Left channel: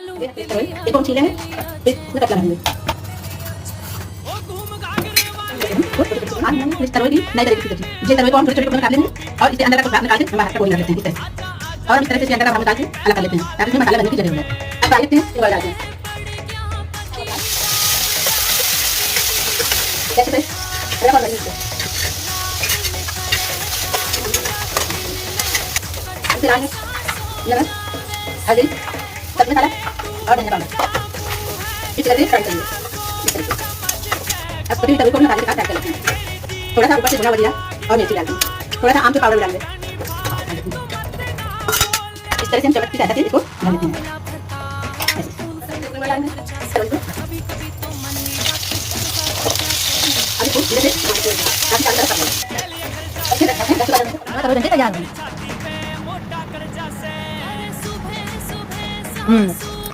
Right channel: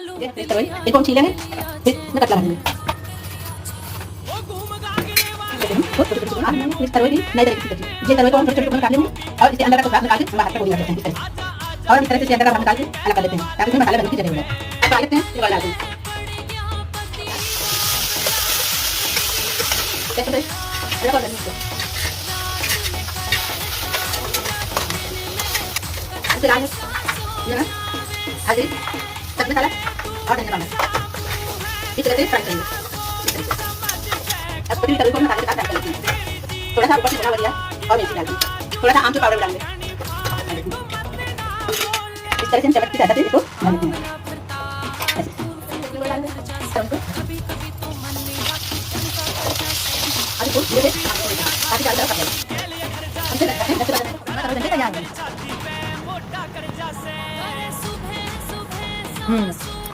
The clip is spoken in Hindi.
इसको हम छीलेंगे, फिर इसमें कटका लगाएंगे। इस तरोई की नई तरीके से कटी, जिस तरोई को हम छोटे छोटे टुकड़े में काट लेंगे और इसके अंदर का भाग निकाल के हम बाहर का गोली कर देते हैं इस तरह से, और इस तरह से इसके अंदर का भाग निकाल के अलग कर लेते हैं ताकि इसमें मसाला बनने की जगह हो जाए। अब डाल देते हैं, ये डालते हैं जैसे अलग और लगने से इससे डालेंगे नमक, हल्दी, सब मसाला और धनिया पाउडर, इस तरह से फ्राई करेंगे। इस तरह से अब पूरी तवे को मसाले के साथ फ्राई कर लेते हैं। थोड़ा सा ऊपर से भुना हुआ जीरा और मिर्ची डालते हैं, थोड़ा सा आमचूर पाउडर डालेंगे। इस तरह से हम चम्मच की सहायता से इसको भून लेते हैं। ऐसे डालेंगे इसको धीरे से आगे चारों तरफ पकाएंगे। ऐसे रखते हैं 10 से 12 मिनट, तवे बनके तैयार हो गए।